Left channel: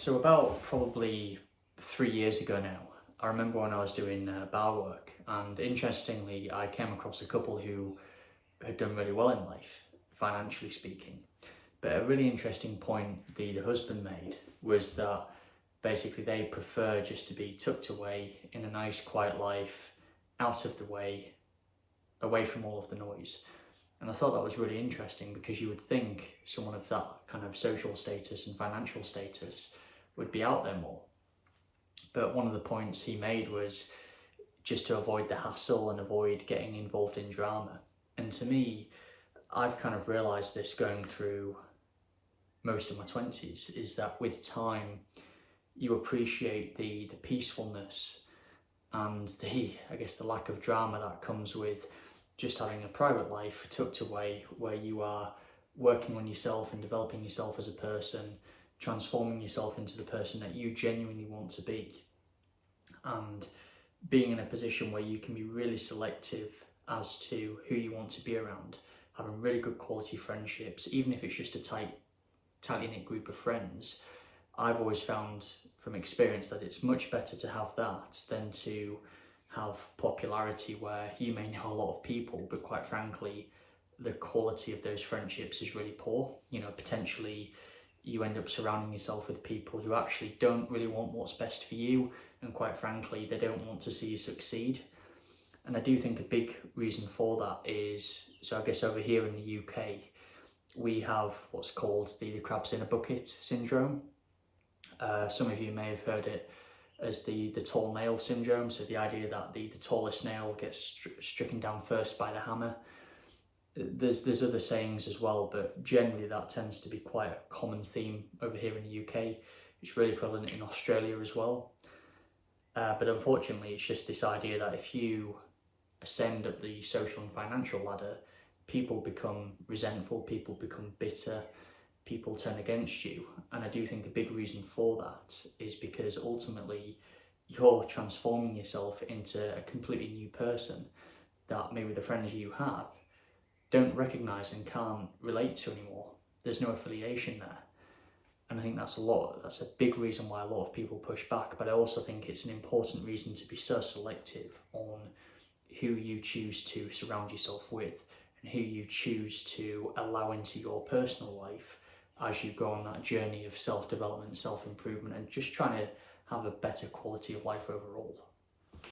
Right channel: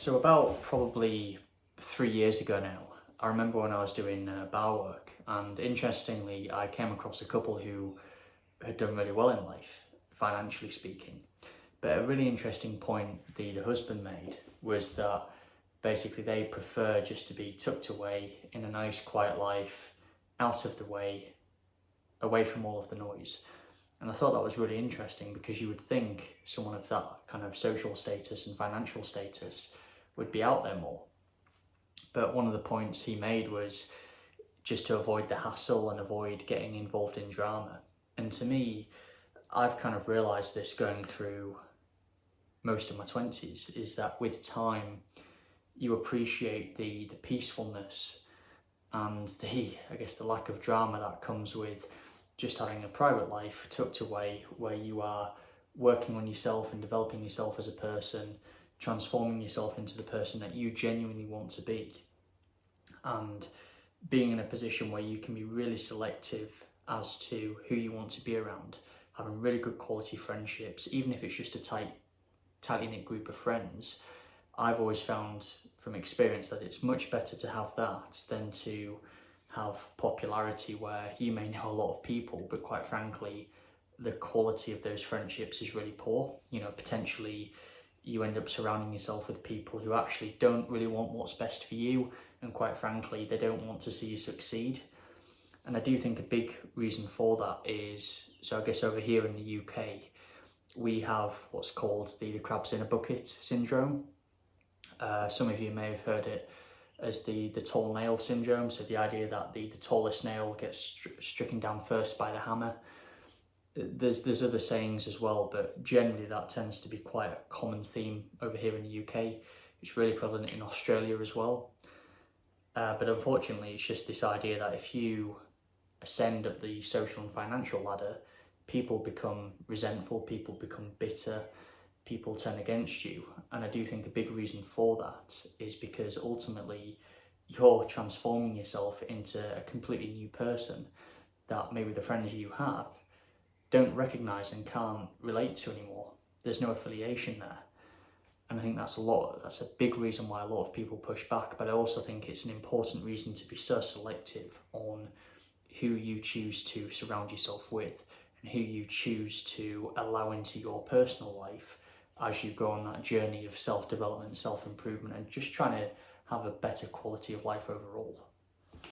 So about probably 3 years ago now, I remember when I was doing bar work, and interestingly, I came across a couple who had done really well in life, financially speaking. But a really interesting point the husband made was that basically they prefer just to be tucked away in a nice, quiet life, out of the way, away from all of the noise. And I thought that was really interesting because you would think someone of that kind of social status and financial status would be out there more. But one of the points he made was just to avoid the hassle and avoid getting involved in drama. And to me, I've kind of realised this going through most of my 20s, is that with time, you appreciate the peacefulness and the lack of drama that comes with just having a private life tucked away, where you are working on yourself and developing yourself as a person, transforming yourself into the person that you genuinely want to be, and being in a position where you can be really selective as to who you want to be around, having really good quality friendships, even if it's just a tightly knit group of friends. I've always found from experience that it's much better to have that than to have popularity where you may know a lot of people, but quite frankly, the quality of those friendships is really poor. Potentially you end up surrounding yourself with people who actually don't really want what's best for you, and quite frankly, they don't want to see you succeed. And I do think a big reason for that is, so I guess over here in the UK, we have what's called the crabs in a bucket syndrome. Some of you may have heard it as the tall nail syndrome. So the idea that the tallest nail gets stricken down first by the hammer. There's other sayings as well, but generally that tends to be quite a common theme over here in the UK. It's really prevalent in Australia as well. But unfortunately, it's just this idea that if you ascend up the social and financial ladder, people become resentful, people become bitter, people turn against you. And I do think a big reason for that is because ultimately you're transforming yourself into a completely new person that maybe the friends you have don't recognise and can't relate to anymore. There's no affiliation there. And I think that's a big reason why a lot of people push back. But I also think it's an important reason to be so selective on who you choose to surround yourself with and who you choose to allow into your personal life as you go on that journey of self-development, self-improvement, and just trying to have a better quality of life overall.